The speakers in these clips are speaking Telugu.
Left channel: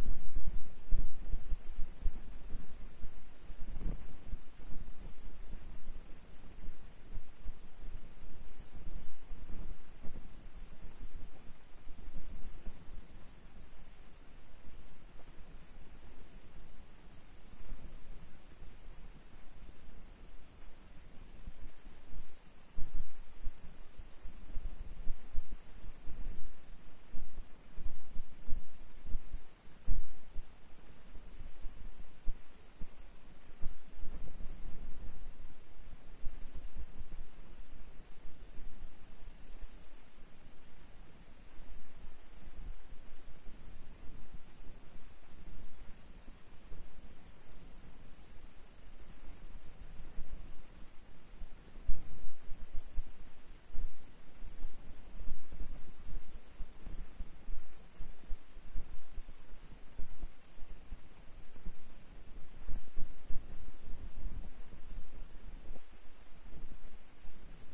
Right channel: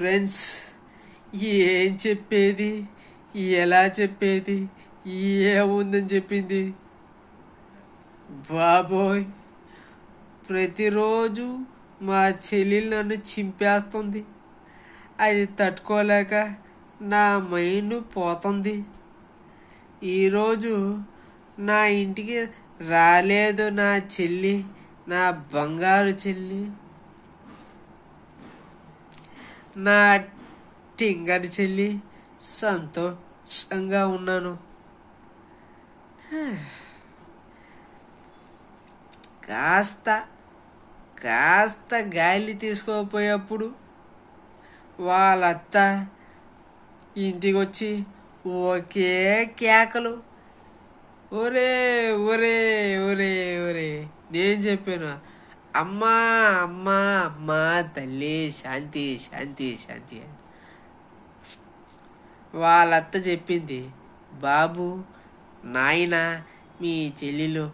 ఫ్రెండ్స్, ఏం చెప్పేది, ఎలా చెప్పేది, ఏముందని చెప్పింది బాబోయ్. ప్రతిరోజు మా చెల్లెలు నన్ను చింపేస్తుంది. అది తట్టుకోలేక నా మైండ్ పోతుంది. ఈరోజు నా ఇంటికి రాలేదు నా చెల్లి, నా బంగారు చెల్లి, నా టింగర్ చెల్లి. సంతోషంగా ఉన్నాను. కాస్త గాలి తీసుకోపోయేప్పుడు వాళ్ళ అత్త ఇంటికి వచ్చి ఒకే కేకలు. ఒరే ఒరే ఒరే ఒరే నేను చెప్పాను, అమ్మా అమ్మా అమ్మా తల్లి శాంతి శాంతి శాంతి అని. వాళ్ళ అత్త చెప్పింది, బాబు నాయన మీ చెల్లెలు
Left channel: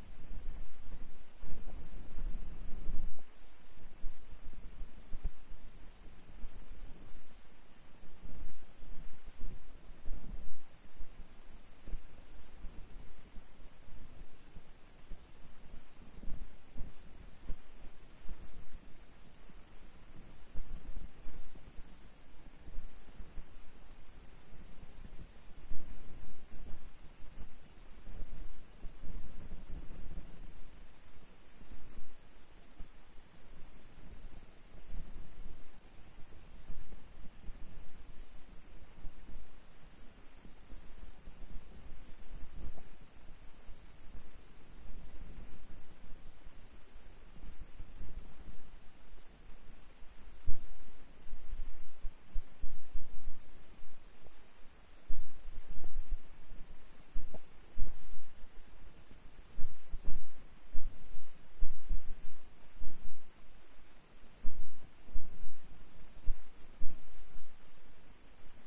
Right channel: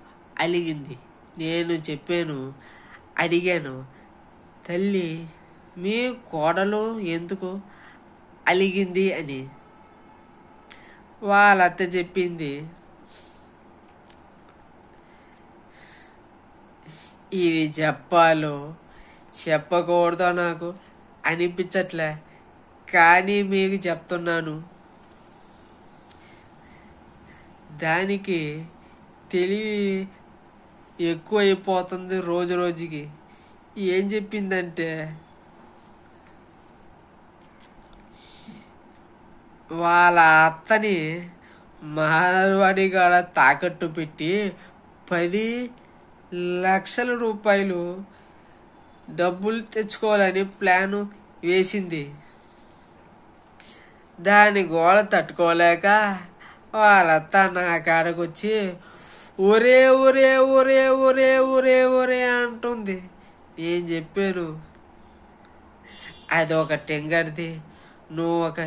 అలిగింది. నేను చెప్పాను, అడిగాను, తల్లి మీ కోడలు ఎందుకు అలిగింది అని. వాళ్ళ అత్త చెప్పింది, ఇది చెప్పాలో చెప్పకూడదో నాకు అనిపించట్లే, కానీ మీకు చెప్తున్నాను. దానికి తెలివి ఎక్కువ అయిపోతుంది రోజు రోజుకి. ఏం చెప్పిందంటే, వాళ్ళ అత్తని మార్వాడి కాడ తాకట్టు పెట్టి 10 లక్షల రూపాయలు డబ్బులు తెచ్చుకోవాలని ప్లాను వేసింది. దాని గోల తట్టుకోలేక వాళ్ళత్త నా కాడకు వచ్చి ఒరే ఒరే ఒరే ఒరే ఒరే ఒరే అంటుంది. నేను చెప్పాను, అది ఒక టెంగర్ది, నువ్వు ఒక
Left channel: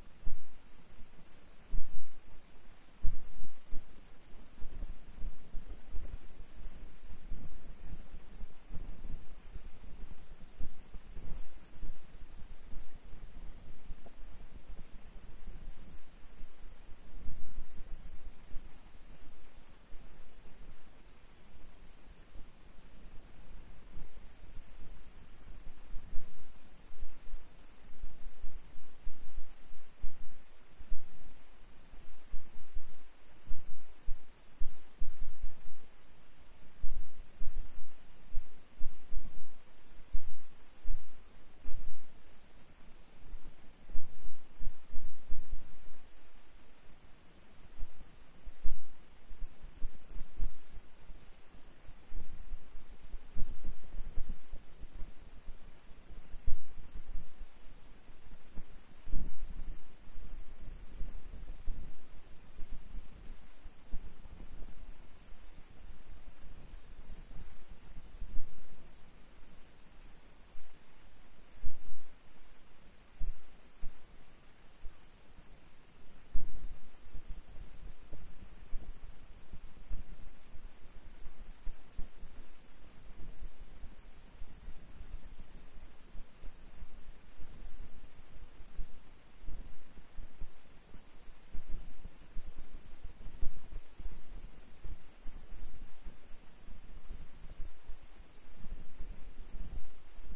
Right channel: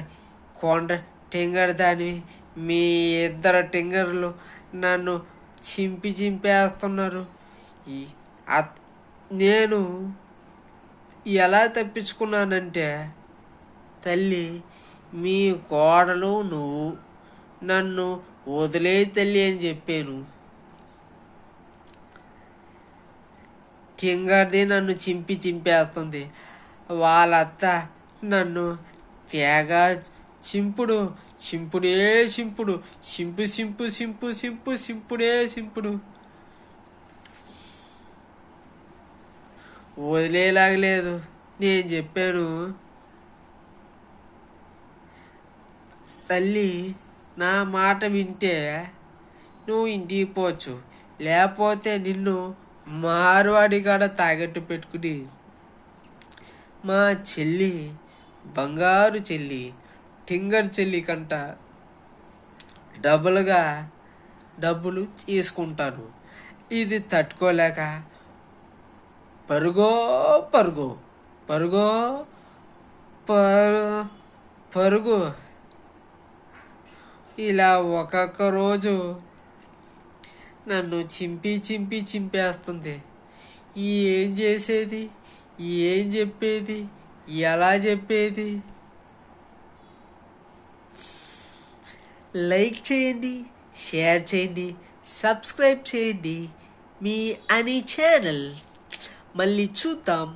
కొండ టెంగర్ దానివి. మీ ఇద్దరు టెంగర్లు నన్ను చింపేస్తున్నారు. నేను ఎలా తప్పించుకున్నానంటే, తల్లి మీ కోడలు నువ్వు నన్ను వదిలే తల్లి అని చెప్పాను. టింగర్ది నన్ను చింపేస్తుంది. వాళ్ళ అత్త నన్ను తెగ చింపుడే చింపుడు, సింపుడే సింపుడు, వదిలేలాగలేదు. నేను చెప్పాను, తల్లి నా మాట వింటే నువ్వు ఇంటికి పోవచ్చు, లేకపోతే నిన్ను మార్వాడి కాడ తాగట్టు పెట్టుకుని మా చెల్లి, బంగారు చెల్లి, టింగర్ చెల్లి కంట డబ్బులు తీసుకుంటాను. ఇది తట్టుకోలేక పరుగో పరుగు ఇలా ఒక్కొక్క రోజు నన్ను చింపేస్తుంది. ఏం చేసేది, ఏం చెప్పేది, ఎలా చెప్పేది? లైక్ చేయండి, షేర్ చేయండి, సబ్స్క్రైబ్ చేయండి మీ అని ఛానల్. మళ్ళీ చూద్దాం.